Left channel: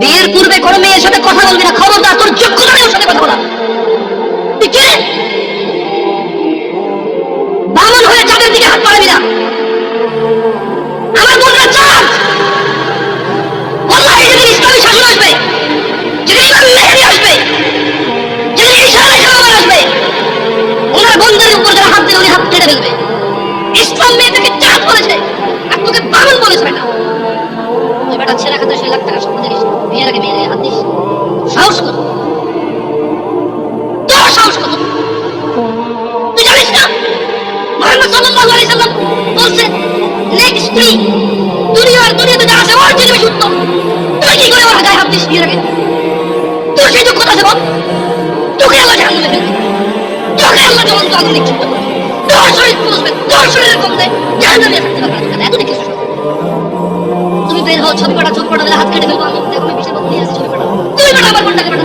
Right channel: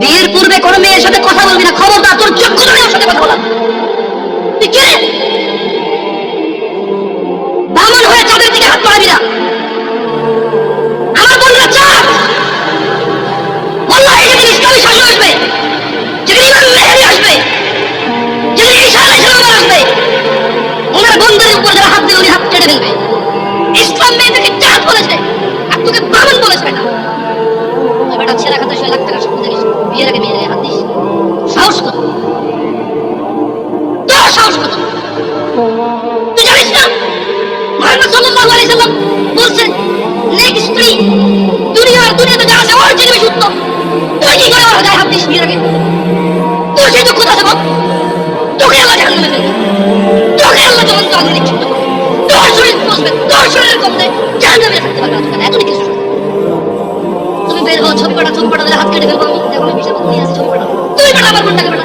বিয়ের পূর্বে কোনো মেয়ের সাথে কথা বলবি না, খবরদার, তোর চক্ষু ধরে ওর সাথে কথা বলা। তুই কে? বামন হয়ে চাঁদের দিকে হাত বাড়াবি না। আমার বোনরা চাঁদ, আল্লাহ যেদিন ইসলামী শাসন আসবে, যেদিন ইমাম মেহেদী আসবে, যেদিন ঈসা আলাইহিস সালাম আসবে, ওনার বন্ধুর উপর যারা হাত দিয়ে উনি হাত কেটে ফেলবে। ইসলাম মেয়েদেরকে চাঁদ বলেছে আর তোকে বামন বলেছে না। তো বেটা ছেঁড়া খাতা 6 লাখ টাকা স্বপ্ন দেখিস, বিয়ের আগে মেয়ের গায়ে হাত দিস, সাহস কত? তোর সাহস কত? তুই জানিস না মুহাম্মদ সাল্লাল্লাহু আলাইহি সাল্লাম বলছেন নেক স্ত্রী দুনিয়াতে যা আছে ওর চেয়ে বেশি উত্তম। তুই কি করে ওর গায়ে হাত দিস বিয়ের আগে? তোর সেই যোগ্যতা আছে বল? তোকে আল্লাহ জাহান্নামে ফেলবে, তোকে আল্লাহ জ্বলন্ত আগুনে নিক্ষিপ্ত করবে, তোর শরীর পচবে, তোর শরীরের মধ্যে জাহান্নামে থাকতে পারবে না। এত কিছু তুমি বের হও, ছবি পাঠা, চোখ পাঠা, হাত কেটে ফেলবো, আমি দেখো আমি পিছিয়ে বন্ধু আছে, ছবি পাঠা, তুমি পাঠা, আমার কোনটাকে পাঠা,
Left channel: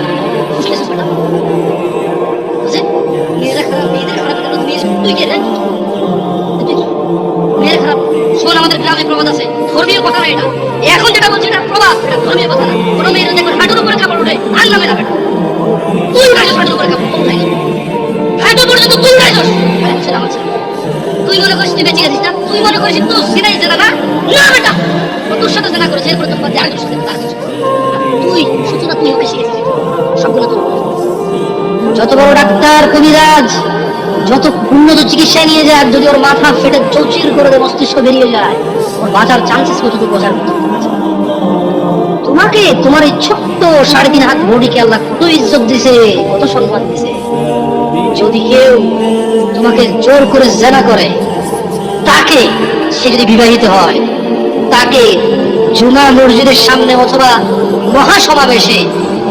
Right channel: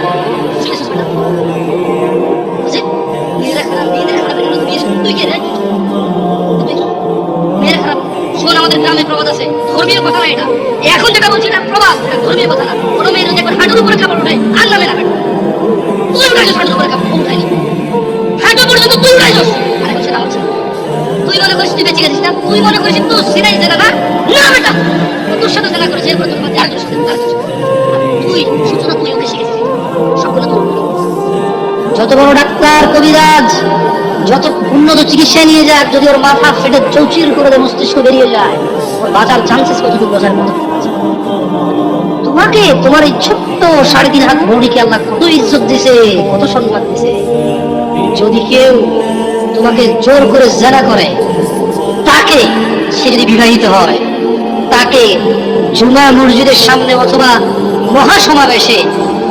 খুশি আছিস পাঠা। বুঝলি মেয়েরা খারাপ, মেয়েদের খারাপ, এটা তুই তুই কে রে? মেয়েরা খারাপ? শোন, আমাদের গ্রামে প্রবাদ আছে, ধর্মীয় কথা না এটা। এখন যেটা বলছি এটা প্রবাদ, এটা ধর্মীয় কথা না। কোনো মেয়ে যদি হাঁটুর উপরে কাপড় উঠে আল্লাহ মেরা বেটা, তুই উঠাইছিস হাঁটুর উপরে কাপড়, উঠাই হাঁটু পর্যন্ত তুই উঠাইছিস। আরে সেটা আমার ছেলে, তুই মনে করিস তুই বেঁচে গেছিস না? তুই মনে করিস তুই সিনাই জানা না? না বেটা, তোর সাথে জানা করেছে, এরপরে তোর বাচ্চা আরেকজনের সাথে, তার তুই সূচনা, তুই ওকে শিখেছিস সবগুলো তোর। যত বড় ডাক্তার, কবিরাজ, যত উন্নত চিকিৎসা নিয়ে যাক, যদি ওর মাথা ফেটে চৌচির করে দেয়, মস্তিষ্ক বেরিয়ে যায়, ওর বাঁচার চান্সেস কতটুকু বোঝার মতো। তোমাকে, তোমার এই ছোট্ট 3.5 হাত বডিকে আল্লাহ কত ইজ্জত দিছে, কত সম্মান দিছে। যদি কেউ তোমাকে জোর করে জেনা করে, তাকে, সে যদি বিবাহিত হয়, তাকে জুমা মসজিদের সামনে অথবা মহাসমাবেশে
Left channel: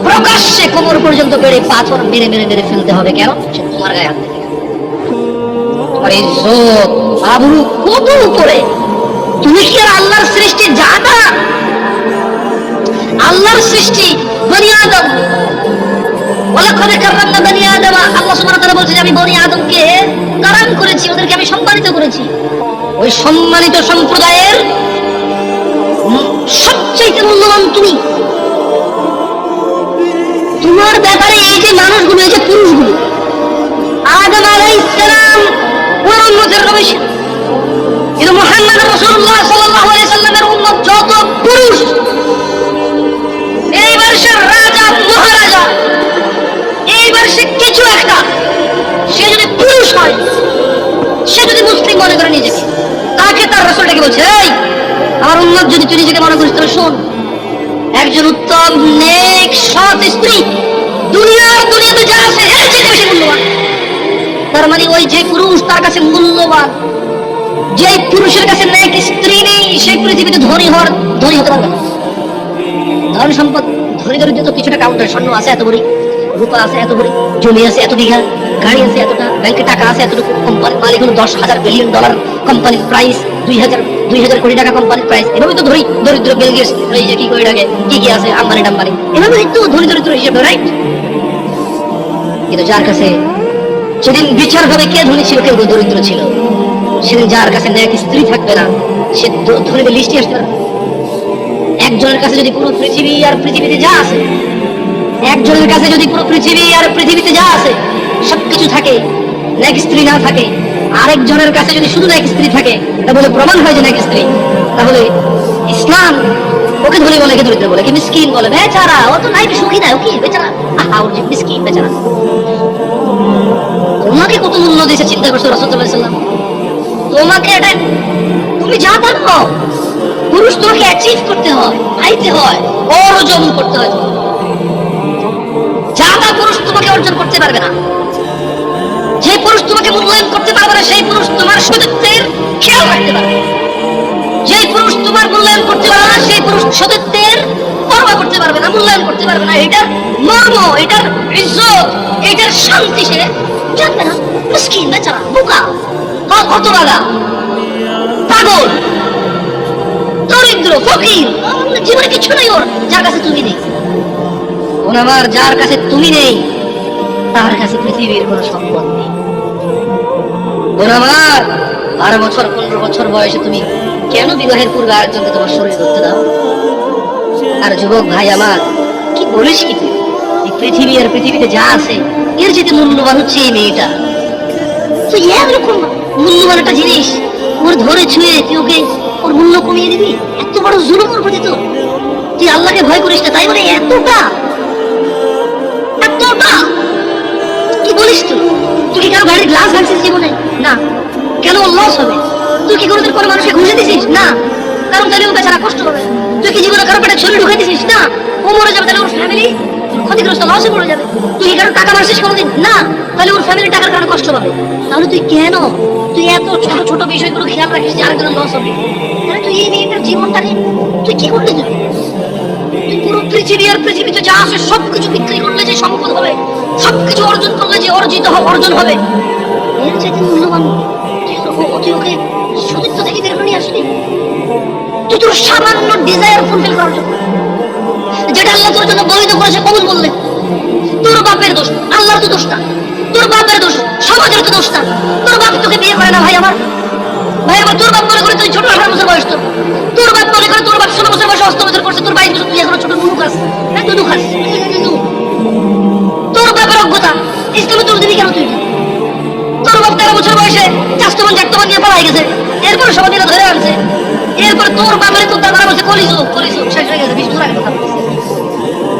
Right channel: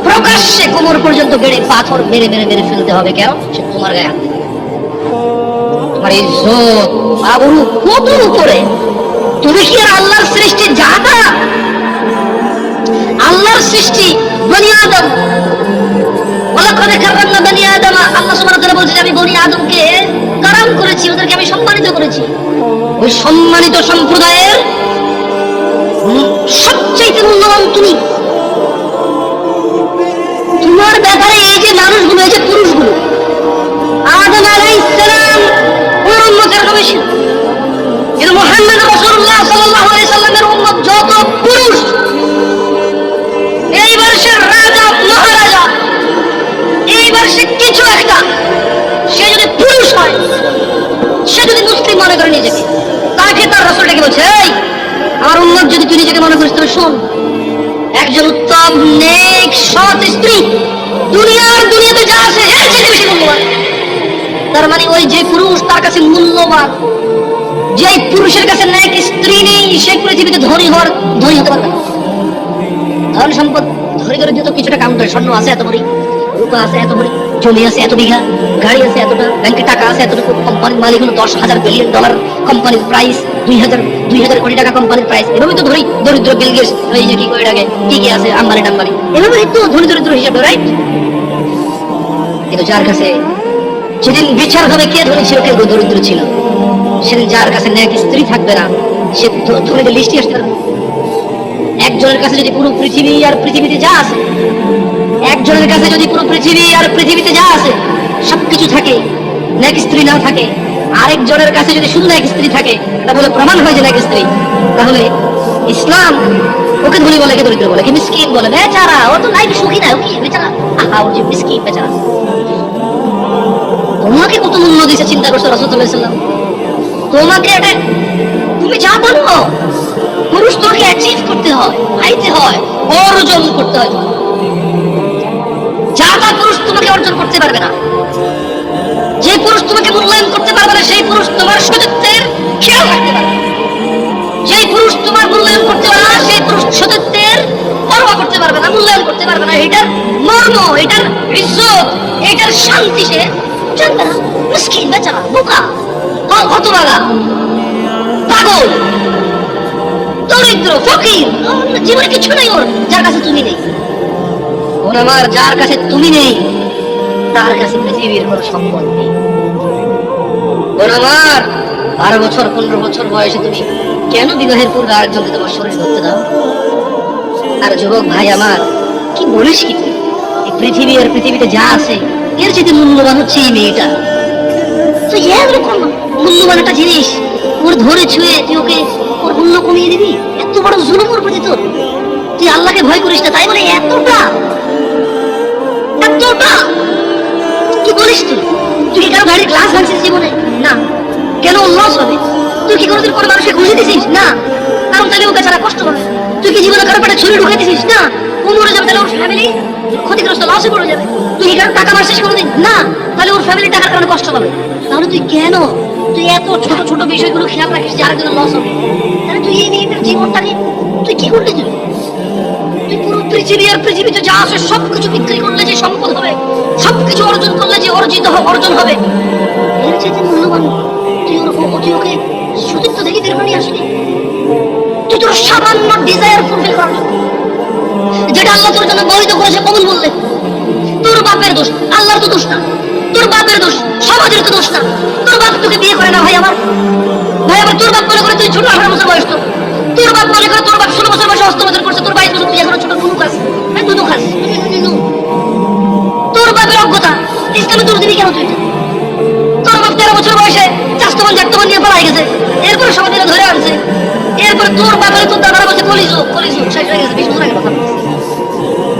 প্রকাশ্যে কোমর পর্যন্ত বেড়ে পাথর মেরে মেরে মেরে ফেলতে হবে। কেন? সে তোমার গায়ে হাত দিয়েছে। তোমার ইজ্জত আবরু কত উপরে। তুমি কি আর আল্লাহর সৃষ্টি জানা? আল্লাহর সৃষ্টি বনি আদম, ওয়ালাকাদ কাররামনা বনি আদম। আল্লাহ সুবহানাহু ওয়া তাআলা বলেছেন আমি বনি আদমকে কারাম করেছি, ওদেরকে আমি সম্মানিত করেছি। ওই সম্মানিত সম্প্রদায়ের সবচেয়ে মূল্যবান তুমি। তোমার ব্যাপারে এই যে মানুষগুলো, এই যে পুরুষগুলো, আদম আলাইহিস সালাম ওর উম্মতের নবী ছিল, কিন্তু মুহাম্মদ রাসূলুল্লাহ সাল্লাল্লাহু আলাইহি সাল্লামের উম্মত যত পুরুষ, এইবার সে রাজা, মহারাজা, এইবার সে কিছু একটা, সে যদি পুরুষ হয়, সে যদি মুসলিম মনে করে নিজেকে, তাকে তার রাসূলটাকে বলছে, এই আমার উম্মত যদি তুই নিজেকে মনে করিস, তাহলে শোন, একজন উত্তম নেক সৎ স্ত্রী দুনিয়াতে যা আছে এর চেয়ে বেশি মূল্যবান। তার মানে ওই যে পুরুষ তার কাছে মূল্যবান, যে পুরুষের কাছে নেক স্ত্রী নেই, সেই পৃথিবীতে ধনী হতে পারবে না। ধন সম্পদ, ধনী দরিদ্র তো কিছুটা কাউন্টার, স্বর্ণ আছে এত বড়ি, রূপা আছে এত বড়ি, জমি আছে এত বিঘা, গাড়ি আছে এতটা, ব্যাংকে টাকা আছে এতটুকু, কোম্পানির মালিক হল $10,000 বিলিয়ন, কোম্পানির প্রাইস 2000 কোটি টাকা কোম্পানির প্রাইস। এভাবেই তো দরিদ্র বিল গেটস এই যে কি করে ডাকে, কি আছে আম্বানি টাম্বানি, এভাবেই তো ধনী দরিদ্র হিসেব, রাইট? কিন্তু যার কাছে যেদিন বিচার হবে কে ধনী ছিল কে দরিদ্র ছিল, সেদিন যার কাছে নেক স্ত্রী থাকবে না, সে ধনীদের লিস্টে আসতে পারবে। একজনের কাছে যদি পুরো পৃথিবী আর পৃথিবীতে যা আছে, একজনের কাছে যদি পুরো পৃথিবী আর পৃথিবীতে যা আছে সবকিছু থাকে, নেক স্ত্রী না থাকে, আরেকজনের কাছে যদি শুধু নেক স্ত্রী থাকে, এটা বলে প্রমাণ হয় যে নেক স্ত্রী, তাহলে ইসলাম ওকে ধনী বলে, কে দরিদ্র বলে, কি মিসকিন বলে, বেচারা, ও তো লাইফ সুখী না, ও কি বেচারা, আহা ও মিসকিন বেচারা। তোমাকে কত মূল্য দিয়েছে চিন্তা করছো রাসূল সাল্লাল্লাহু আলাইহি ওয়াসাল্লাম। তোমাকে এটা তুমি যা জানো, পুরুষ তোমাকে অ্যাচিভ করতে হয়, পাইতে হয়, অর্জন করতে হয়। যা তা পুরুষ তোমাকে অর্জন করতে পারবে না। যে পুরুষ তোমাকে মূল্যায়ন করতে পারবে না, সেই পুরুষ তোমার সতীত্বের খেয়াল রাখতে পারবে। যে পুরুষ তোমার মূল্যায়ন করতে পারবে না, সেই পুরুষ সতীত্বের পরোয়া করতে পারবে না, মূল্যায়ন করতে পারবে না। এটার মর্ম, এটার ইজ্জত, এটার শান্তি সে জানবে না। মিসকিন বেচারা, বোকা, হতভাগা, পাগল, দরিদ্র, ফকির, জীবনে কিছু নেই ওর, যার কাছে তুমি নেই। ওর আমার যার কাছে তুমি নেই, তার কাছে পৃথিবীর কোন সম্পদ নেই। ওর আমার 12 বছর 15 বছর বয়সে তুমি কেন বিবাহের পূর্বে আরেকজনকে তোমার শরীর ধরতে দাও? আর যুবক ভাই আমার, কি বলিস কি তুই? এই পৃথিবী আর পৃথিবীতে যা আছে এর যেতে মূল্যবান হচ্ছে এই মেয়েটা। তুই এরকম মূল্যবান একটা জিনিস ওর ধরে ছুঁয়ে তুই ওকে ওর মূল্য কমিয়ে দিবি? এত বড় জুলুম ওর প্রতি তোর! তুই আল্লাহকে ভয় করিস না তাই বলে এতটা এতটা কি বলিস তুই? তুই কি কারো গাড়ির গ্লাস ভাঙছিস জীবনে? না। কেন লস হবে? তুই কি কোনোদিন কোনো মানুষকে ঘুষে দিছিস? না। কারণ তাহলে ওকে ছাড়া কষ্ট হবে। তুই কি জীবনে কারো পেটে ছুরি ঢুকাই দিছিস? না। ও মরে যাবে, তাহলে ওর ফ্যামিলি ক্ষতিগ্রস্ত, লসে পড়ে যাবে। তুই কি কারো টাকা মারছিস কোনোদিন? না। তাহলে ওর ফ্যামিলি টাকার কারণে কষ্ট পাবে। তাহলে তুই কেন তুই এত ছোট ছোট বিষয়গুলো খেয়াল রাখিস যে আরেকজনের লস হবে? তাহলে তুই এই মেয়েটার জীবনটাকে তুই কি করলি? তুই পুরো পৃথিবী আর পৃথিবীতে যা আছে সবকিছু বিক্রি করলে যে সম্পদ হবে, সবকিছু অর্জন করলে যে অর্জন হবে, এর চাইতে মূল্যবান তুই ওকে সতীত্ব থেকে বের করে নিয়ে আসলি? তুই তোর সামান্য ডিজায়ার ফুলফিল করলি, যেটা আল্লাহ তোর জন্য বৈধ করেছে কবুল বললে। তোর বাপের দোষ, আল্লাহর তো দোষ না। তোর বাপের দোষ, সমাজের তো দোষ না। তোর বাপ তোকে বিয়ে করে না ভাই আমার। তোর বাপ মনে করে তুই ছোট 18 বছর বয়স না। তোর বাপ মনে করে তোর বাপ 16 বছর বয়সে অস্তমতের করছে, তোর 22 বছর তুই এখনো ছোট নুনু খাস। নুনু খাস। তোর বাপের অজ্ঞতা, ইসলামে দোষ দিবি কেন তুই? তোর বাপ 13 বছর বয়সে চাস্তমান জাতমান নিয়ে পালাই গেছে, এরপর সমাজে ধরে আনছে। এরপর তোর বাপের তোর দাদা বসে কলিস শেষ হয়ে গেছে 20 বছর আগে কথা বলছে।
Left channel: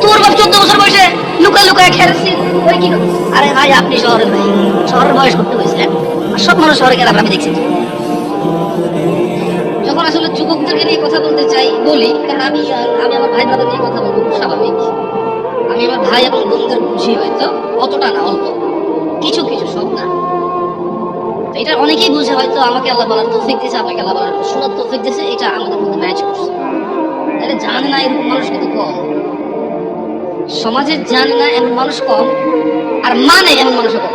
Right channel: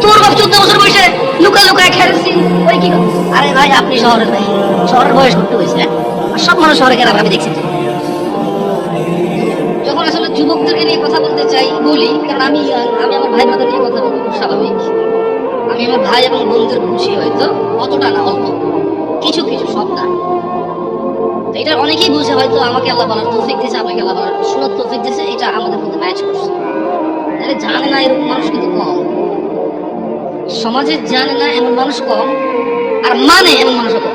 তোর বাপ 14 বছর বয়সে লুকায় লুকায় খেলছে ওই কি। আরে ভাই আপনি শহরের ভাই, শহরের বয়স করতে হয়েছে। আর সব মানুষ শহরে গেলাম আমি দেখছি। যখন আসলে যুবকদেরকে নিয়ে কথা বলতে চাই বলি, কারণ আমি আমার ভাই বোনদের নিয়ে কথা বলবো স্বাভাবিক। আমি আমার ভাই এবং বোনদের বুঝি, হয়তো অতটা না, অল্প কিছু কিছু, সব না। এটা অনেকেই বলছে হয়তো আমাকে আল্লাহ বলার তৌফিক দিয়েছে, আমাকে আল্লাহ বলার শোনার তৌফিক দিয়েছে, এটা আমাদের মধ্যে ম্যাচ করছে। তাহলে জানে না এরকম মানুষ কিন্তু কম, সমাজে জানে না এমন মানুষ কম, আর মানে এমন মানুষও কম।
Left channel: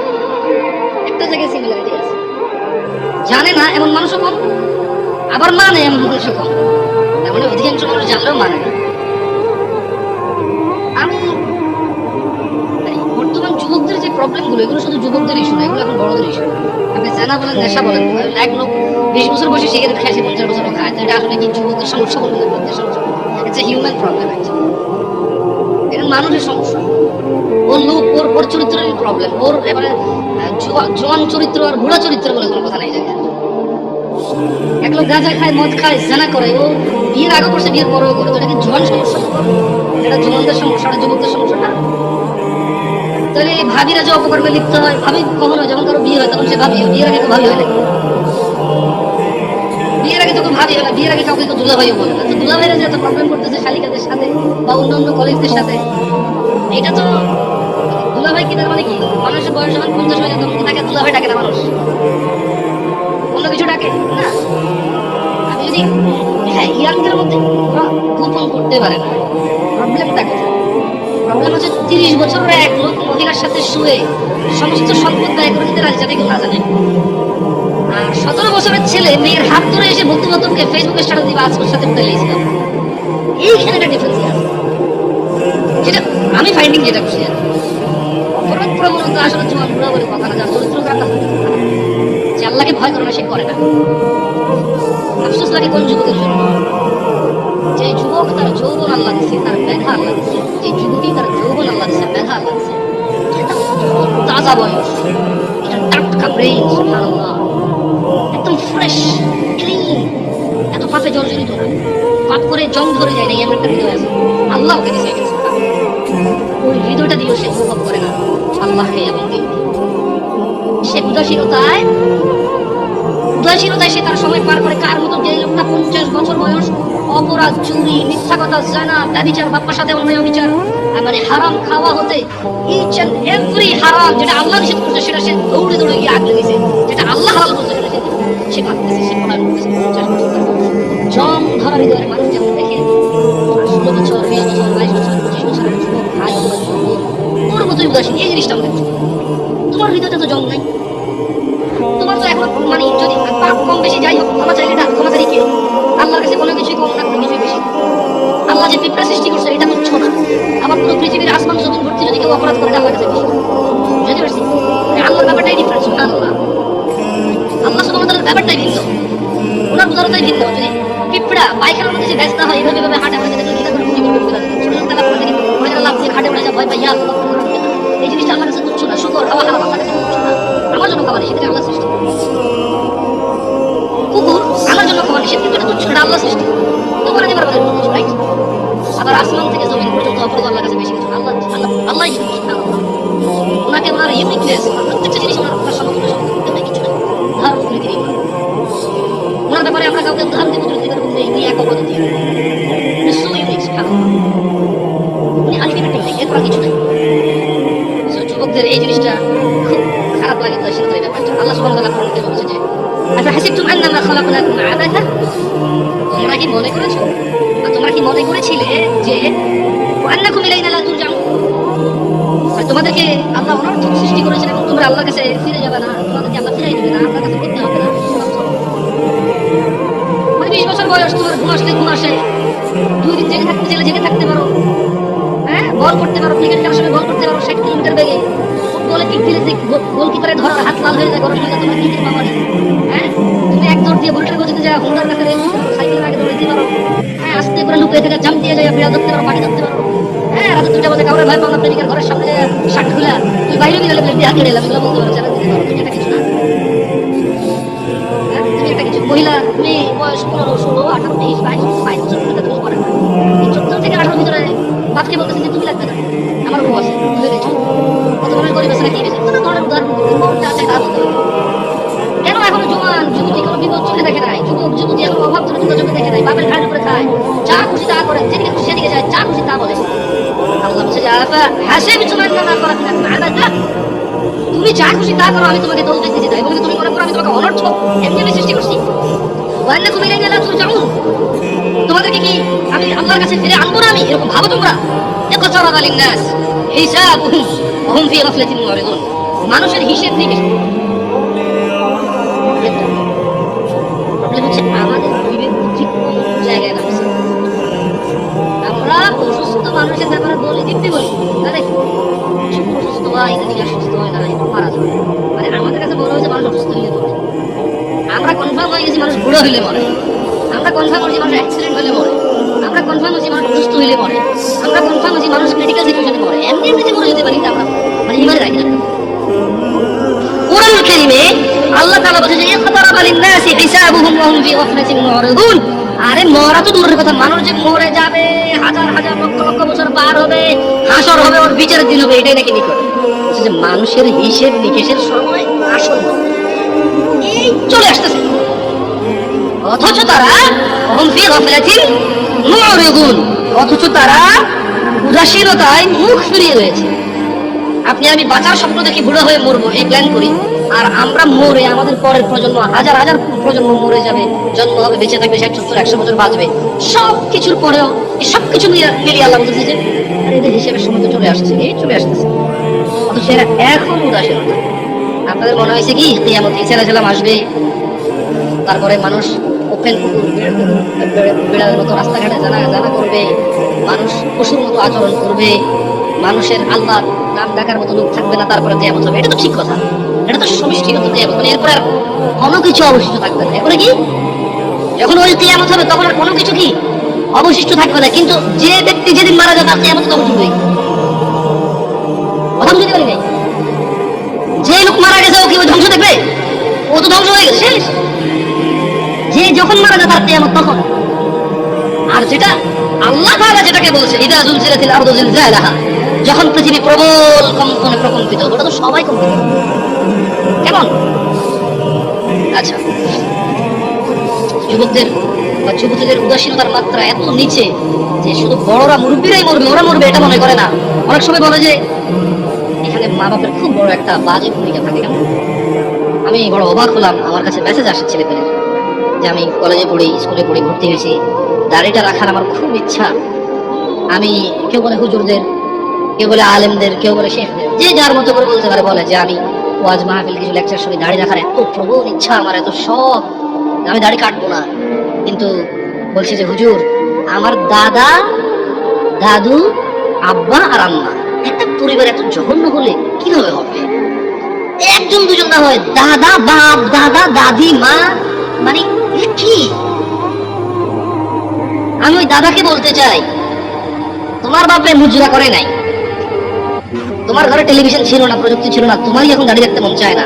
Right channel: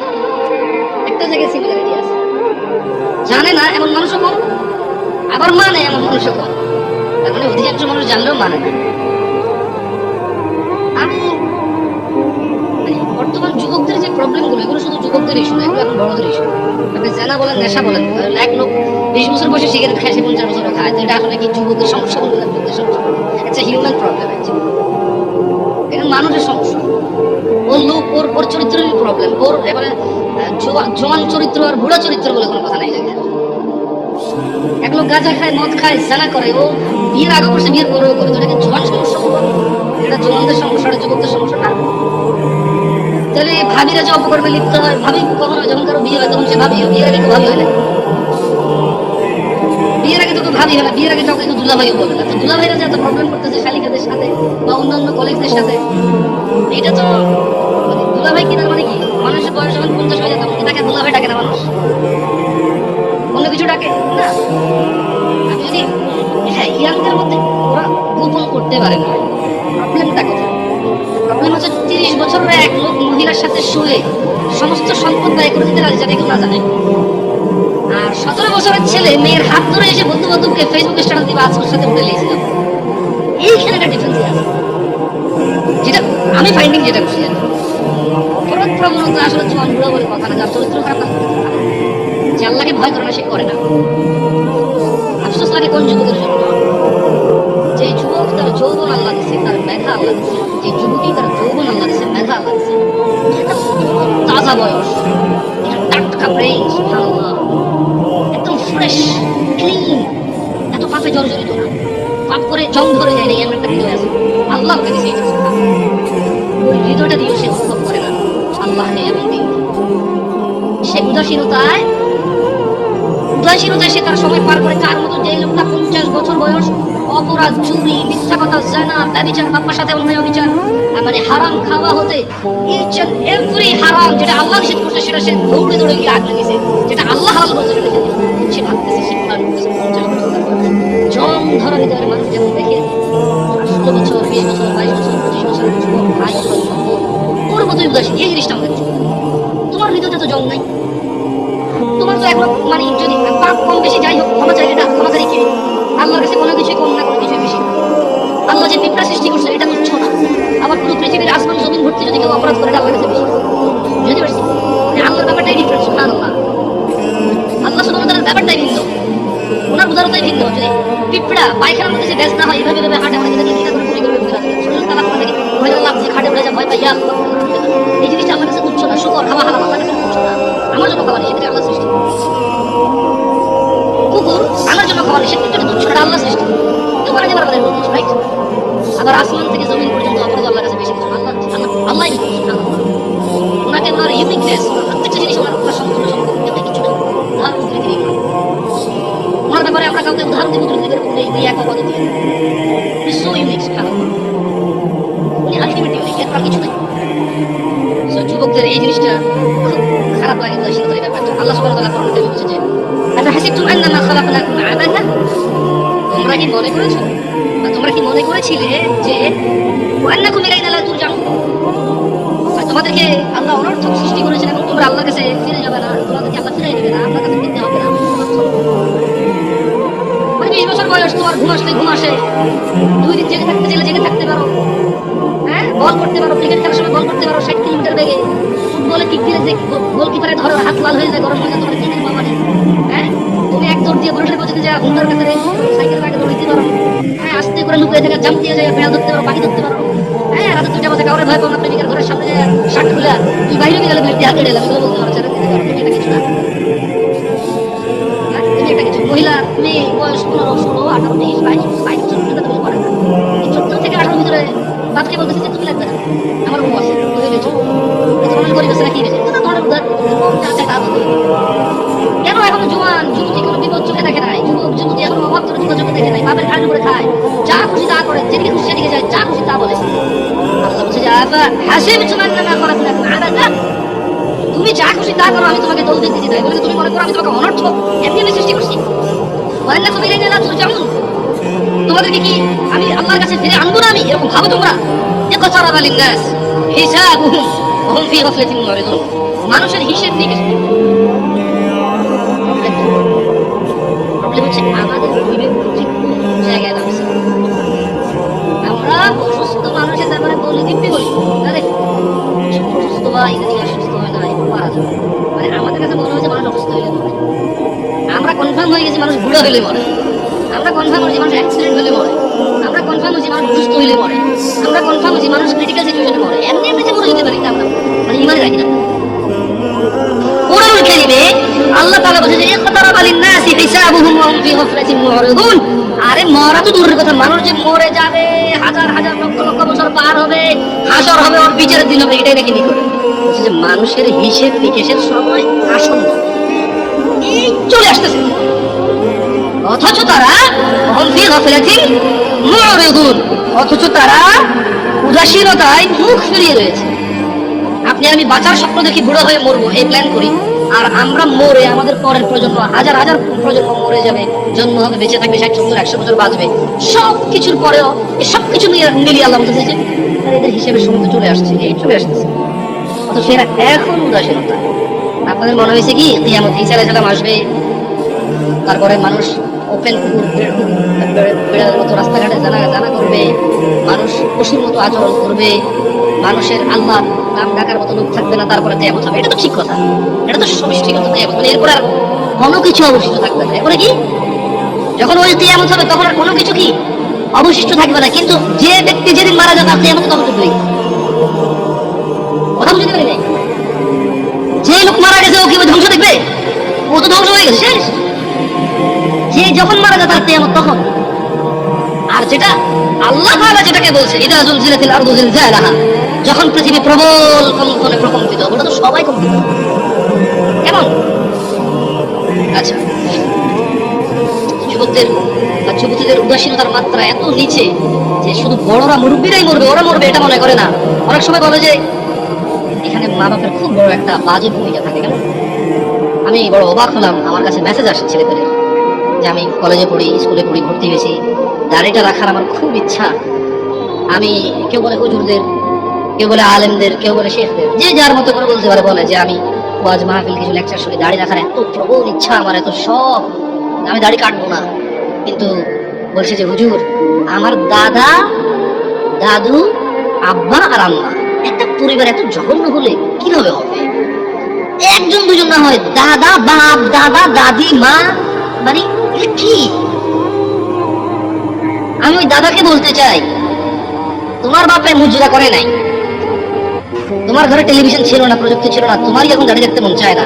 একটা জায়গায় সিমিলারিটি আছে, জানে না এমন মানুষও কম, আবার মানে এমন মানুষও কম। তার মানে অধিকাংশ মানুষ জানলেও মানে না। আমি বর্তমান যুবকদের যে প্রবলেম গুলো, এগুলো শুধু যুবকদের ইস্যু না, এগুলো এখন বড়দের ইস্যু। আপনি জানা বলেন, নেশা বলেন, এক লোক 20 বছর বয়সে সিগারেট খায়, 50 বছরে খায়, এটা আসলে কি যুবকের সমস্যা বলবেন? যুবকদের সমস্যা, ইটস এ হিউম্যান প্রবলেম। এটা মানুষের সমস্যা। ওর লোক ওর চরিত্রের প্রবলেম। ওর এবারে জোয়ান চরিত্র আর বুড়া চরিত্র বলে কোনো কথা নাই। জায়গায় এক লোক গাঁজা খায়, মদ খায়, জানা করে, ও বিয়ের আগে করছে, বিয়ের পরেও করে, তো এটা জোয়ান সমস্যা, এটা জোয়ানদের সমস্যা, এটা যুবকদের সমস্যা না। তাহলে ভাবিরা যে অপকর্মে লিপ্ত হয়, ভাবি কখনো যখন কারো বিয়ে হয় তখন সে ভাবি, বিয়ের আগে তো ভাবি হইলে, বিয়ের আগে তো ভাবি হলে, বিয়ের আগে কাউকে দুলাভাইও বলে না। দুলাভাইরা যে এত প্রবলেম করতেছে শালিকাদের সাথে বা অন্যান্য কলেজদের সাথে, এটা তো দুলাভাই কি, তার মানে কি মানুষের বয়স যখন 50 হয়ে যায় তখন কি তাকে দুলাভাই ডাকে না মানুষ? অন্য কিছু ডাকে না। আমি যদি ইয়াংদের মধ্যে ওরা গোপন করতে পারে না। প্রবলেমটা কোথায়? প্রবলেম হচ্ছে 30 বছরের এক লোক মহিলার সাথে শুয়ে সমস্ত সম্পদ ব্যয় করে দিতে রাজি, যাতে কেউ না জানে। আর 17 বছরের ছেলে মেয়ের হাত ধরে এসে বন্ধু বান্ধবকে ফেসবুকে স্ট্যাটাস দিবে, আজকের সাথে উঠে লেগেছিল। এইখানে একটা ডিফারেন্স আছে, যেটা আমি ফাইন্ডিং যেটা খুশি আর অপরাধ প্রবণতা আসলে জোয়ান বুড়া বলে কথা না, যার চরিত্র খারাপ তার করতে পারে, যে আল্লাহকে ভয় করে না সে করে না। আফসোস লাগে কোন যুবকের জন্য, যে যুবক তার যৌবন আল্লাহ দিচ্ছে, তার মেধা আল্লাহ দিচ্ছে, যে যুবতী তার যৌবন আল্লাহ দিচ্ছে, মেধা আল্লাহ দিচ্ছে, এটা তাজা বয়স, এটা টাটকা ব্রেন, সুবহানাল্লাহ, একদম ফ্রেশ ক্লিন, এত পাপে জর্জরিত না, পাপ করে জব ধরে যায় না, এমন একটা হৃদয় আছে আল্লাহ ওকে দিচ্ছে। ওই হৃদয়টা দিয়েও সে অনুভব করে না আল্লাহকে এবং দিন। সে উদাসীনতায় সে তার সময় পার করে। কার মতো? যে লোকটা 50 বছর বয়স অপরাধ, চুরি, মিথ্যা কথা, জিনা, ব্যভিচার, বাবার সাথে অন্যায় মানে হারাম খাওয়া হতে, ইচ এন্ড এভরি হারাম যেটা আল্লাহ নিষেধ করছে সেটা সে দৌড়ে দৌড়ে গিয়ে আগলে দিয়েছে, যেটা আল্লাহ হালাল করছে সেটা সে ভাবতেছে, সে কোরআন করতেছে। 50 বছর বয়স জম ধরা হৃদয়ের মানুষ যখন দেখে 16 বছর, 20 বছর, 22 বছর, 25 বছর ভাই ওর মতোই উদাসীন। এই জিনিসটা আমাদের তোমার হৃদয়টা তো জম নাই, তোমার তো এখন মানে যদি পাপ কম বেশি যাই হোক, ক্ষমা চাই, এটা ক্ষমা চাই কি আল্লাহর কাছে কোনো কিছু কম না, কোনো কিছু বেশি। আল্লাহ যে পিঁপড়া সৃষ্টি করছে এটা তুচ্ছ না। আবার পুরো পৃথিবীর আসমান জমিন ভর্তি যদি কেউ অপরাধ করে আল্লাহর কাছে বেশি, বুঝতে পারছি? আল্লাহর ব্যাপারটাই ডিফারেন্স। সুবহানাল্লাহ, আল্লাহ সুবহানাহু ওয়া তাআলার ব্যাপারটাই ভিন্ন, ওনার উদাহরণটাই ভিন্ন। যদি পিঁপড়া পায়খানার মধ্যে যে ব্যস্ত হয়, এইভাবে হাঁটে, মানে যেটা ইয়া এই জিনিসটা আমার কাছে তুচ্ছ না, শুকর খাওয়া হারাম আমার কাছে তুচ্ছ না, আমার জন্য খাওয়া নিষেধ, আল্লাহ সৃষ্টি। কুকুর আমার জন্য খাওয়া নিষেধ, কিন্তু তুচ্ছ না, আল্লাহ সৃষ্টি। তো বলে যে বরাবর কিছু রাইট। আবার আসমান থেকে জমিন পর্যন্ত অপরাধ আল্লাহর কাছে বেশি কিছু, আল্লাহ ওনাকে ওনার ইউনিকনেস, প্রত্যেকটা জিনিস ওনার সমতুল্য সমতুল্য কিছু না, উদাহরণ করে দিই ওনার ব্যাপারে আমরা কাউকে উদাহরণ দিতে এই এক অবদান দিয়ে সো ইউনিক, উনি আলটিমেট ইউনিক, এর কিছু নেই। যুবকদের এই জিনিসটা খুব খারাপ লাগে, উদাসীনতার ব্যাপারটা। আল্লাহ সুবহানাহু ওয়া তাআলা কোরআনে বলেছে যে আচ্ছা হাসিবতুম আন্নামা খালাকনাকুম আবাসা, তোমরা কি মনে করেছো বা তোমরা কি মনে করেছিলে যে আন্নাকুম ইলাইনা লা তুরজাউন, তোমাদেরকে আল্লাহ অনর্থক সৃষ্টি করেছেন এবং তোমরা আল্লাহর কাছে ফিরে যাবে না, তোমাদেরকে আল্লাহ ফিরাই দেবে না, আল্লাহর কাছে ফিরতে হবে না। 20 বছর বয়স, তোমার ঘুম আসলে ঘুম আসে, 2 দিন জেগে থাকতে চাইলে জেগে থাকতে পারো, হ্যাঁ বল করতে পারো, ক্রিকেট খেলার সময় বল করতে পারো 60 কিলোমিটার বেগে, ফুটবলে কিক দিলে গোলকিপারে ধরো হাত লাল হয়ে যায়, গরম হয়ে যায়, তুমি কি করতে পারো? হ্যাঁ তুমি এক দৌড় দিয়ে বলটা পৌঁছতে যা ঘন্টার কাছে সাইকেলের আগে দৌড়াইতে পারো, হ্যাঁ আস্তে করে লুকিয়ে থেকে জাম্প দিয়ে যায়, বিড়াল ধরতে পারো, পাখি ধরতে পারো, হ্যাঁ রাতে 2টা বাজে কাউরে ভয় পাও না, প্রেমিকার ঘরের সামনে যায় শার্ট খুলে কি বাইরে নিয়ে গেলে বলে হাতে এলাম, এগুলো বলতে পারো যারা তুমি এটা কিছু না, তুমি একটা কিছু মহিলা মেয়ে বয়স 15, 16, 18, 23, 22 বছর তুমি করে না, এই 14 থেকে 18 ভিতরে বাপকে বলতেছে যে তুমি লাগবে না, আমার বউ আছে বুঝে গেছো, তোমার গরিব আছে না কি গেছে, তুমি মনের উদাহরণ কেন এখনো জোয়ান যুবতী কোনো বিপদ চোখে দেখে নাই, যুবক যুবতী এখনো অভাব চোখে চোখে দেখে নাই, বাপের ঘাড়ে করে খায়, যা খুশি তা করে, যেদিকে খুশি সেদিকে যায়, যা খুশি তা বলে। আল্লাহ বলছে যে হাসিবতুম আন্নামা খালাকনাকুম আবাসা, তুমি যা খুশি তা করো, আমি তোমাকে দোষ দিতে চাই বলে তুমি মনে করো আমি তোমাকে অনর্থক এমনি সৃষ্টি করছি, আন্নাকুম ইলাইনা লা তুরজাউন, তোমাদেরকে কি আমি আল্লাহর কাছে ফিরে আনবো না, আমি এরকম ভাবো তোমরা? ইকতারাবা লিন-নাস হিসাবুহুম ওয়া হুম ফি গাফলাতিন মুরিদুন, মানুষের হিসাব নিকেশ আমাদের বিবেক জায়গায় রাখছে। আমরা অসুস্থ মানুষের ব্যাপারে বলি দিতে বলি আরে অসুস্থ হয় এদিকে অসুস্থ হয় না মারা যাবে, মানে আমাদের কাছে বলা হয়েছে মানুষ অসুস্থ হলে মরে, আমরা কনফার্ম হয়ে গেছি মানুষ বুড়ো হলে মরে, আমরা কনফার্ম হয়েছি মানুষ অ্যাক্সিডেন্ট হলে মরে, আমরা কনফার্ম হয়েছি মানুষ অসুস্থ হইলে মরে, আমরা কনফার্ম হয়েছি মানুষ ক্রিটিক্যাল সিচুয়েশনে মরে, এমনি এমনি যে মরে যেতে পারি আমরা মানে ইমানে রাখি না। কোরআনুল কারীমে আল্লাহ তাআলা বলেছে যে ইকতারাবা লিন-নাসি হিসাবুহুম ওয়া হুম ফি গাফলাতিন মুরিদুন, আরে মরা তো দূরের কথা, মানুষ যে মরে যাবে, হাজার হাজার লক্ষ লক্ষ বছর পার হবে, হাসর হবে, ওর বিচারের দিন হবে, এটাই নাকি নিকট। বলছে যে মানুষের হিসেব নিকেশের সময় আসন্ন এই চলে আসতেছে, অথচ তারা ওয়া হুম ফি গাফলাতিন মুরিদুন, অথচ তারা উদাসীনতায় মুখ ফিরিয়ে রয়েছে। আপনি আমি বাঁচার স্বপ্ন দেখি বুড়ো হয়ে মরবো এই প্ল্যান করি, আর আমরা মরে আমাদের পরের প্রজন্ম হাজার হাজার প্রজন্ম মরে যাবে, জন্ম হবে, বেঁচে থাকবে 60, 70, 100 বছর বাঁচবে, সব কিছুর পরেও এই সব কিছু মিলিয়ে আল্লাহ বলতেছে যে এদের হিসেবে সময় তো চলে আসছে, এই চলে আসতেছে, অথচ সেরা এখন উদাসীনতা। আপনাদের মনে হয়েছে কি কিয়ামত ঈসা আলাইহিস সালাম আসবে, তারপরে মানুষ ওপেন কুকুর বিড়ালের মতো রাস্তাঘাটে জানা করবে, মানুষ পশুর মতো আচরণ করবে, মানুষের আল্লাহ নাম ডাকার মতো লোক থাকবে না, তারপরে কিয়ামত হবে, এটা তো ঠিক কথা, এটা তো সুনিশ্চিত কিয়ামত, মানে এরপর আর কোনো কিছু অবশিষ্ট থাকবে না। এরপরে কি যখন ওই কিয়ামত হবে তখন আর কোনো কিছু কি অবশিষ্ট থাকবে না, কিন্তু যে ব্যক্তি যেদিন মারা যাবে কিয়ামত তখন শুরু হয়ে কথা বুঝতে পারি নাই, যে লোক মারা গেছে ও কি ধ্বংস দেখবে? ও তো ধ্বংস হয়ে গেছে শেষ, যে যখন মারা যায় তার কিয়ামত তখন। আর যেটা আল্লাহ তাআলা যেটাকে বলছে ইদা জুলজিলাতিল আরদু জিলজালাহা, যখন পৃথিবী প্রবল কম্পনে প্রকম্পিত, ওটা তো সবাই কম্পিত, কেমন? আচ্ছা যুবকদের বা যুবতীদের উদাসীনতার মাত্রা এত নিচে যে শুধু বড়রা মুরব্বীরাই মরবে, ওরা মরবে এটা মনে করে না। অনেক সময় বলে যে এখানে মা বাপের খুব বড় একটা বাজে ভূমিকা থাকে। কেমন আমি বড় অবাক হলাম, আমার কাছে মেসেজ আসে ছেলেপেলের যে আমি কলেজে পড়ি, স্কুলে পড়ি, ভর্তি হয়েছি, দাড়িটা রাখার আমার খুব ইচ্ছা। আমি কেউ বলে হুজুরদের, কেউ বলে আলেমদের, কেউ বলে শেখদের, যে যার মতো করে বলতে পারে, বলে যে আমি ওয়াজ মাহফিল কিছু লেকচার শুনে দাড়ি রাখার এত প্রবল ইচ্ছা আমার, এত শখ, আমি দাড়ি কাটবো না। কিন্তু বলছি যে হুজুর আমার দাদা, দাদু, আব্বা আর আম্মা একটা পরিবার এত জঘন্য হলে কিভাবে হবে? একজন দুজন না হয়, দাদা, বাপ, দাদা, দাদি, মা, মানে কি? আমি ওই দাদাকে বলতে চাই তোমার বাপে মুজরা করে নাই, তোমার ঘরে টেলিভিশন ছিল না, প্রযুক্তি ছিল না, তোমারই এখন দাঁড়িয়ে রাখতে মন চায় না।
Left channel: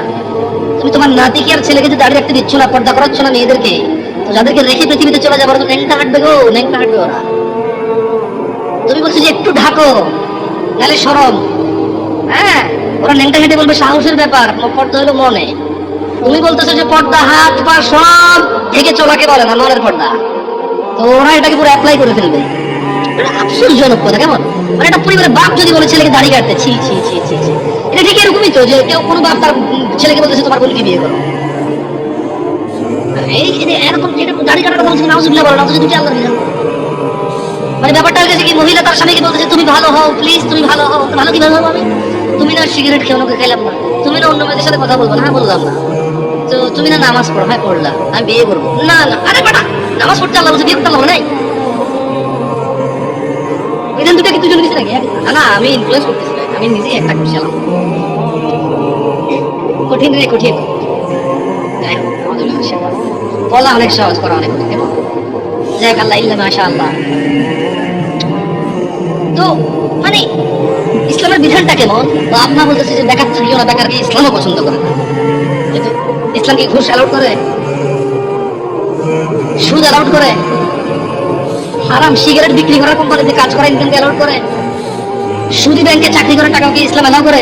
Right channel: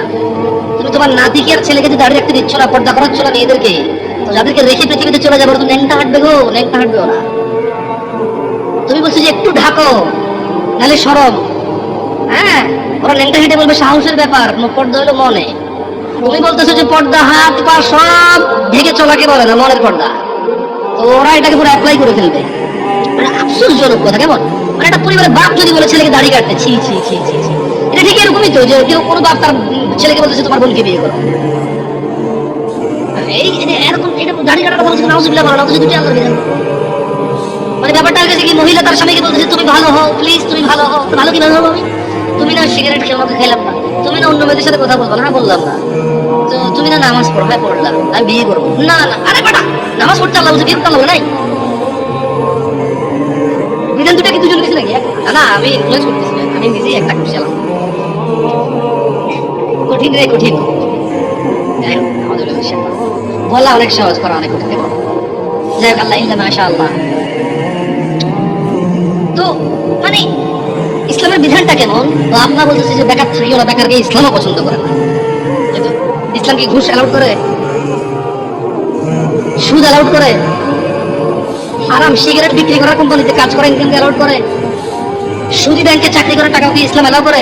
তুমি তোমার নাতিকে আর ছেলেকে যে দাঁড়িয়ে রাখতে দিচ্ছ না, পর্দা করাচ্ছ না মেয়েদেরকে, তো যাদেরকে রেখে পৃথিবীতে চলে যাবো, তুমি ন্যাংটা হাঁটবে গো, ন্যাংটা হাঁটবেও না। তুমি বলছো যে একটু ঢাকো, নাহলে সরম। হ্যাঁ, ওরা ন্যাংটা হেঁটে বলবে সাহসের ব্যাপার, পর্দা হলো মনে। তুমি বলতেছো যে পর্দা হাত পা সব ঢেকে চলাকে বলে না, মনের পর্দা। তো ওরা এটাকে পুরো অ্যাপ্লাই করে ফেলবে। মানে আফসোসজনক কথা, কেমন? মানে একটা পরিবারের বাপ যদি বলে ছেলেকে দাঁড়িয়ে রাখতে, ছি ছি ছি ছি ছি, এটা ঠিক এরকমই তো, যে কেউ কোনো বাপ তার ছেলেকে বলতেছে তোমার বোনকে বিয়ে করো। এই যে এরকম এটা দাড়ি কাটাটা বলছে না, অসুবিধা বলো না, অথচ দুটি আল্লাহ বিধান। মানে ব্যাপারটা হচ্ছে কি, মহিলা তার স্বামীকে বলছে তুমি ভালো হও, প্লিজ তুমি ভালো হও। ভালো কিভাবে হবো আমি? তুমি না সিগারেট খেয়ে আমাকে খেলাম না, তুমি না অন্য মেয়েদের সাথে কথা বলবো না, বললাম না। তো তুমি না নামাজ পড়ো, হ্যাঁ পড়লাম, আমি বিয়ে করবো না। না আরে বেটা, নামাজ পড়তে আল্লাহ বলছে বিয়ে করতে হবে নাই? বিধান দুটো কি দুজন নিচে নাকি? না আমি ইনফ্লুয়েন্স করতেছি, আমি নিজেই একটা করছিলাম। কঠিন রে কঠিন, বলা অনেক সহজ, করা অনেক কঠিন। যাক আল্লাহ ইল্লা মাশা আল্লাহ। তো মানে ইসলামের বিধানটা কেমন? বাপ মা বলতেছে যে বেকার থাকিও না, বেকারকে ইসলামও পছন্দ করে না। ইসলাম কি ঘুষ অ্যালাউড করে? সুদ অ্যালাউড করে? হারাম সিগারেট বিক্রি করা কোম্পানিতে কাজ করে ইনকাম অ্যালাউড করে? সুদি ব্যাংকে চাকরি করে টাকা কি ইসলাম অ্যালাউ করে?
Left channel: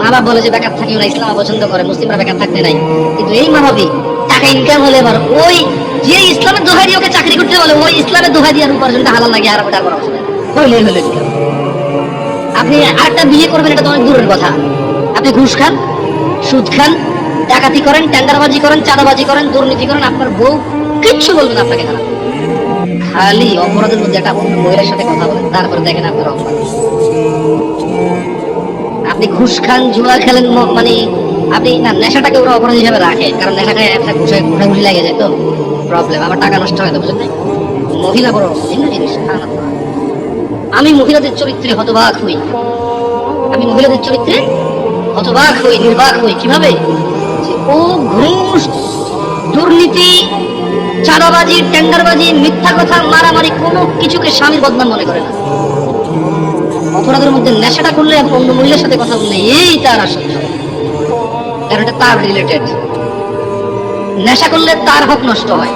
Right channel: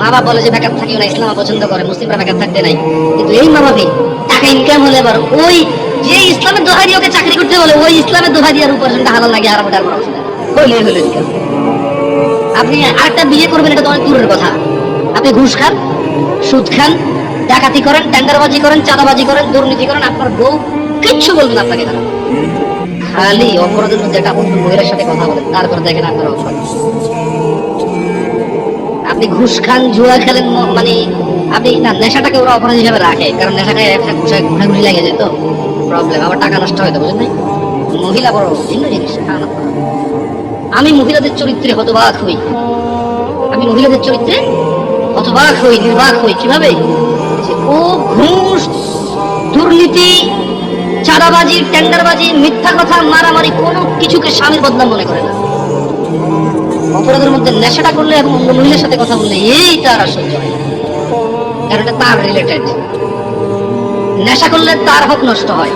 মা বাপ বলে যে বেকার থাকিও না, ইসলাম পছন্দ করে, মুসলিমরা বেকার থাকতে নাই। কিন্তু এই মনোভাবী টাকা ইনকাম হলে আবার ওই যে ইসলামের দোহাই দিয়ে ওকে চাকরি করতে বলে, ওই ইসলামের দোহাই দিয়ে আর উপার্জনটা হালাল লাগে আর ওটার বড় হইলে হইলে ইনকাম। আপনি আরেকটা বিয়ে করবেন, এটা তো অনেক দূরের কথা। আপনি ঘুষ খান, সুদ খান, ডাকাতি করেন, টেন্ডারবাজি করেন, চাঁদাবাজি করেন, দুর্নীতি করেন, আপনার বউ কিচ্ছু বলবেন আপনাকে খারাপ। খালি অপরাধের মধ্যে একটা অন্য মহিলার সাথে কথা বলেন, তারপরে দেখেন আপনার অপরাধ। আপনি ঘুষ খান, জুয়া খেলেন, মানে আপনি না, নেশাটাকে ওরা অপরাধ হিসাবে রাখে, কারণ নেশাটা ঘুষি লাগে যায় তো প্রবলেম, আবার টাকা নষ্ট হয় তো, বুঝলেন নাই? মহিলা বড় ভিন্ন জিনিস। আমি মহিলাদের চরিত্রে হতবাক হই, আমি মহিলাদের চরিত্রে হতবাক হই, নির্বাক হই। কিভাবে? ও ঘুষ, দুর্নীতি, চাঁদাবাজি, টেন্ডারবাজি, মিথ্যা কথা, মারামারি, কোনো কিছুকে স্বামীর বদনাম মনে করে না। অপরাধের মধ্যে নেশাটা করলে এবং অন্য মহিলার সাথে কথা বললে এই তার আর সহ্য হয়, কারণ এটা তার রিলেটেড। নেশা করলে তার হক নষ্ট হয়,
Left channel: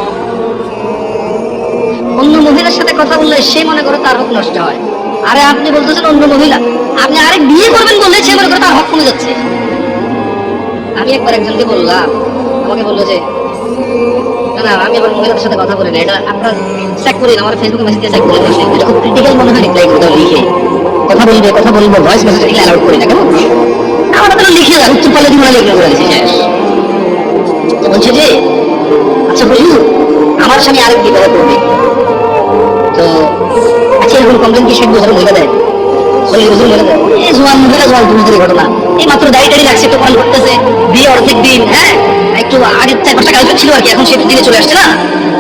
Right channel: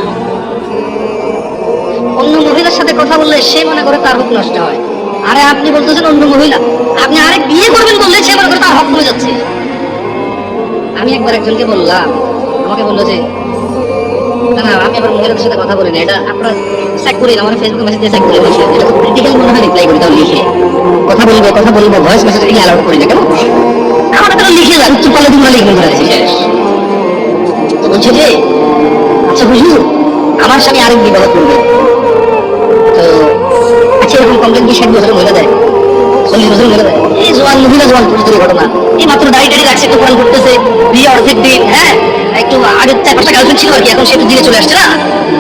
অন্য মহিলার সাথে কথা বললে সে মনে করে তার হক নষ্ট হয়। আরে আপনি বলতেছেন অন্য মহিলা, আপনি আরেক বিয়ে করবেন বললে সে মনে করে তার হক কমে যাচ্ছে। আমি একবার একজনকে বললাম, আমাকে বললো যে না না আমি আবার মহিলাদের সাথে কথা বলি না, এটা আপনারা চেক করেন, আমার ফেসবুকে মেসেজ দিয়ে চেক করে বসে, এটা খুব ক্রিটিক্যাল মনে হয়, রিপ্লাই করি, তাও লিখে কথা বলি না, কথা বলবো, ভয়েস মেসেজ এগুলো অ্যালাউড করি না কেন? আমাদের তো লিখে যাবে, উত্তর পাল্লে দিন লিখে ধরে দিয়েছি শেষ। তো বলছে যে আচ্ছা হুজুর, আমার স্বামী আরেক বিবাহ করবে, তো আচ্ছা এরকম কমপ্লেন কি 60 বছরের মহিলা দেয়? এই জোয়ান মহিলা, জোয়ান পুরুষদের ঘটনা, এই মাত্র দাড়ি টাড়ি রাখছে, একটু কল করতেছে, বিয়ে অর্ধেক দিন, হ্যাঁ একটু আগে 4-5টা গার্লফ্রেন্ড ছিল আর কি, এখন সে একটু দিনে চলে আসছে না,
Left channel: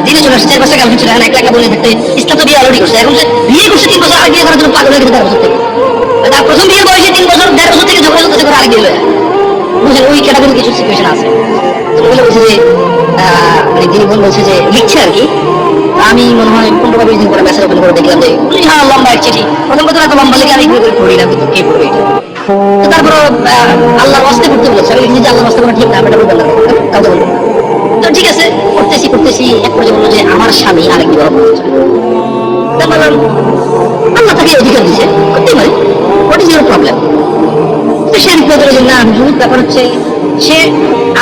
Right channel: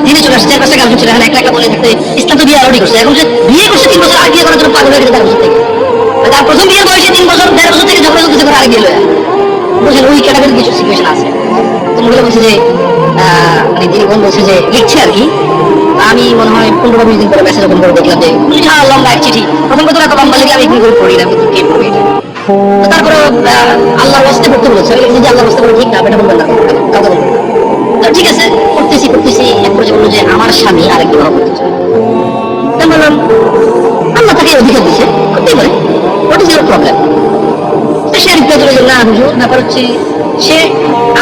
দিনে চলে আসছে, 4-5টা গার্লফ্রেন্ড ছিল, এখন একটা বলে থাকতে ইসলাম তো বিয়ে অলরেডি করছে, এখন সে বিয়ে করছে 3 বছর, আর বিয়ে করার জন্য পাগল হয়ে গেছে 1.5 বছর থেকে। তার প্রথম বিয়ে বয়সে 3 বছর, 1.5 বছর থেকে ঝগড়া চলতেছে করে আরেক বিয়ে লয়া, বুঝলেন? ওই ক্যাটাগরি কিছু সিচুয়েশন আছে। তো মহিলা বলছে যে মানে তিনি বোন বলছে যে লিখছে আর কি, আমি মনে হয় 15-20 দিন পরে মেসেজ ওপেন করে দেখলাম যে লম্বা এক চিঠি। প্রথম কথা এত লম্বা লিখে আমি এগুলো করে পড়ি না, কে পড়বে? তো তারপর আল্লাহর ওয়াস্তে করতে বলছে, আমি লিখেছি আল্লাহর ওয়াস্তে করা ঠিক না, এটা বলবেন না, কাউকে বলবেন না। তো ঠিক আছে, করতেছি এক পর্যায়ে বললো যে আমার স্বামী আরেক বিবাহ করতে চায়। তো বললাম আল্লাহ তাকে অধিকার দিচ্ছে, করতেই পারে, হোয়াট ইজ ইউর প্রবলেম? তো সে রিপ্লাই করে যে না হুজুর, ব্যাপার হচ্ছে সে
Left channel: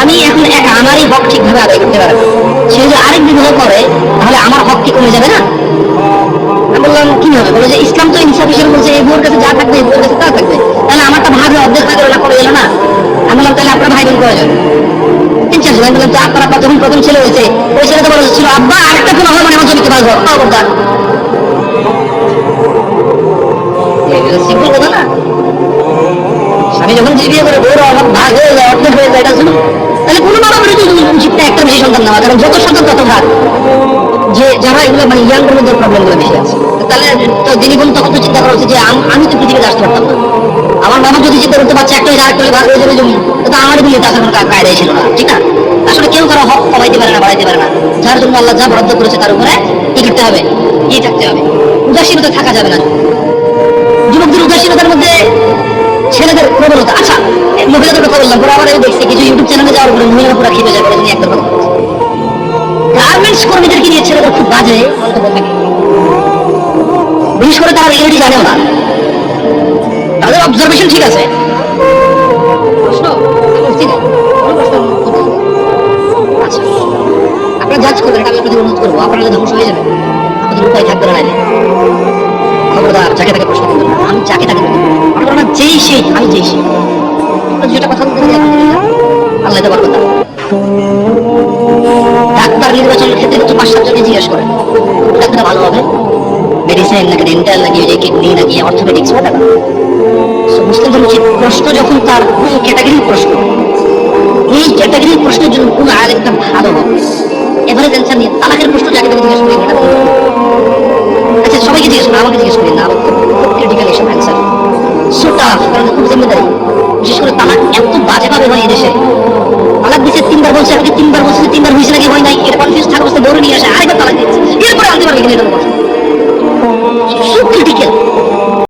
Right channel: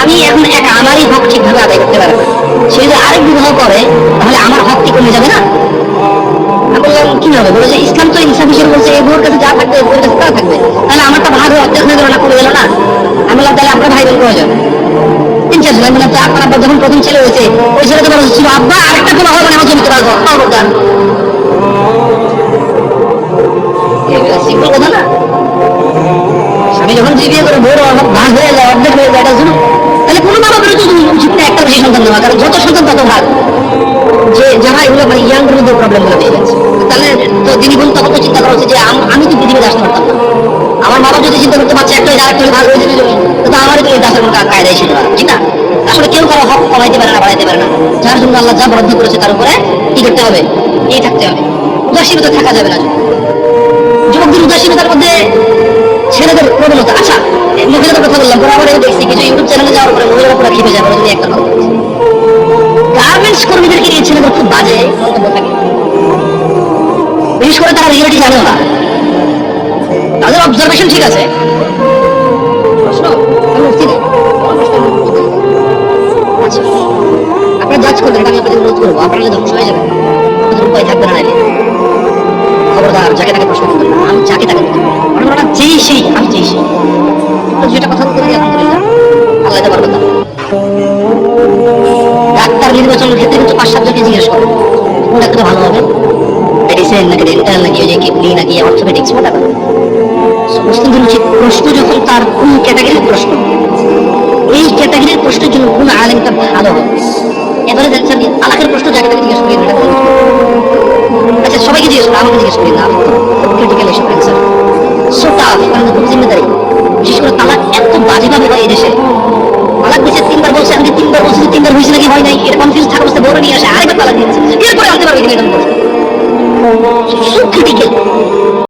আমি এখন একা আমারই হক ঠিকভাবে আদায় করতে পারে না, সে যদি আরেক বিবাহ করে তাহলে আমার হক কি কমে যাবে না? আমি বললাম কিভাবে? বলে যে ইসলাম তো ইনসাফ হিসেবে বলছে এই বউর কাছে যা থাকবে এই বউর কাছে তা থাকবে, তাহলে আমার তো ভাগ অর্ধেক হয়ে গেল না, কমে গেল না? আমি বললাম তাহলে আপনার ভাই বোন কয়জন? 3-4 জন। আমি বললাম আপনার আব্বা যখন প্রথম ছেলে হয়েছে ওই ছেলেকে বলা হচ্ছিল আব্বা আরেকটা বিবাহ মানে আমি জমিতে পারবো, খবরদার। সিম্পল কথা না? স্বামী যখন বিয়ে করে বউর ভাগ হয়ে যায়, অর্ধেক হয়ে যায়, এটা শুনুন, তাহলে কোনো বাবা করে শুধু উচিত না একটা বেশি সন্তান নেওয়া, কারণ যত সন্তান তত ভাগ। যে যারা এগুলো মানে ইয়াংদের মধ্যে প্রবলেমগুলো বেশি আছে, তাহলে তো দিদি বলুন তখন তো চিন্তা করা হচ্ছে যে আমি তো পৃথিবীতে আসতে পারতাম না, আমার বাবা যদি চিন্তা করতে পারছে একটা যারা করে ভাগ হয়ে যাবে জমি, তো আমার কিন্তু এটা আসলে কায়দায় ছিল না, ঠিক না? আসলে কেউ কারো হক কমাইতে পারে না, বাড়াইতে পারে না, যার জন্য আল্লাহ যা বরাদ্দ করেছে তার উপরে কি করতে হবে? থাকতে হবে, উদাসীনতা থাকা যাবে না। যুবকদের উদাসীনতার মধ্যে মহিলাদের কথা বললাম, পরে আবার আমি দেখছি কিছু ইউটিউব চ্যানেলে যাওয়ার পরে মহিলারা পুরো খেপে যায়, বলে তুমি একটা কথা বলছো। গার্মেন্টস কর্মীদেরকে নিয়ে ছেলেদের খুব বাজে মন্তব্য থাকে, বিশেষ করে তারা রিয়েলিটি জানেও না, তাদের অবজারভেশন ঠিক আছে। প্রশ্ন আমি উঠছি না, কোনো প্রশ্ন আমি উত্তর দেব না। আচ্ছা, আপনারা জাজ করবেন, আমি আপনাদের অনুরোধ করবো, আপনারা ধ্বংস হয়ে যাবেন, আপনাদের উপায় থাকবে না। নাইলে খবরদার যাকে তাকে প্রশ্ন করতে পারবো, আমি যাকে তাকে বলতে পারবো, আমি বলবো না যেই সেই, আমি যেই সেই। যেটা কথা বলতে পারি আলহামদুলিল্লাহ, আল্লাহ এটা পারবো না। ডাক্তার নির্বাচনের ক্ষেত্রে কিন্তু 5-7 জনকে জিজ্ঞেস করেন কোন ডাক্তারটা ভালো হবে, মেডিসিন নাকি ডেন্টাল নাকি ওই যে কিডনি নাকি অর্থোপেডিক্স, ওটা ভালো। মুসলিম ধর্ম ঠিক প্রশ্ন যখন তার কোন ক্যাটাগরির প্রশ্ন, এই ক্যাটাগরির প্রশ্নের জন্য কোন আলেমকে ভালো হবে, এবারে টেনশন নিয়ে তালাকের প্রশ্ন যাকে তাকে জিজ্ঞেস করি, এটা বলুন। আচ্ছা সবাইকে জিজ্ঞেস করি, আমাকে জিজ্ঞেস করি না, আমাকে খুব ক্রিটিক্যাল এসব অ্যান্সার, সো টাফ, কিন্তু খুব জিম্মেদারি। বিশেষ করে তালাক এত বাজেভাবে হয় এই দেশে, তালাক দিচ্ছে 3 বার বলছে, আমাকে 3 বার বলছে, 3 বার হয়েছে নাকি হয় নাই, এটা কনফিউজ থাকা অবস্থা দৌড়ে নিয়ে আসে, আরেকবার তালাক দিচ্ছে, এরপরে আনতে পারবে কিনা এটা বলছে। So critical.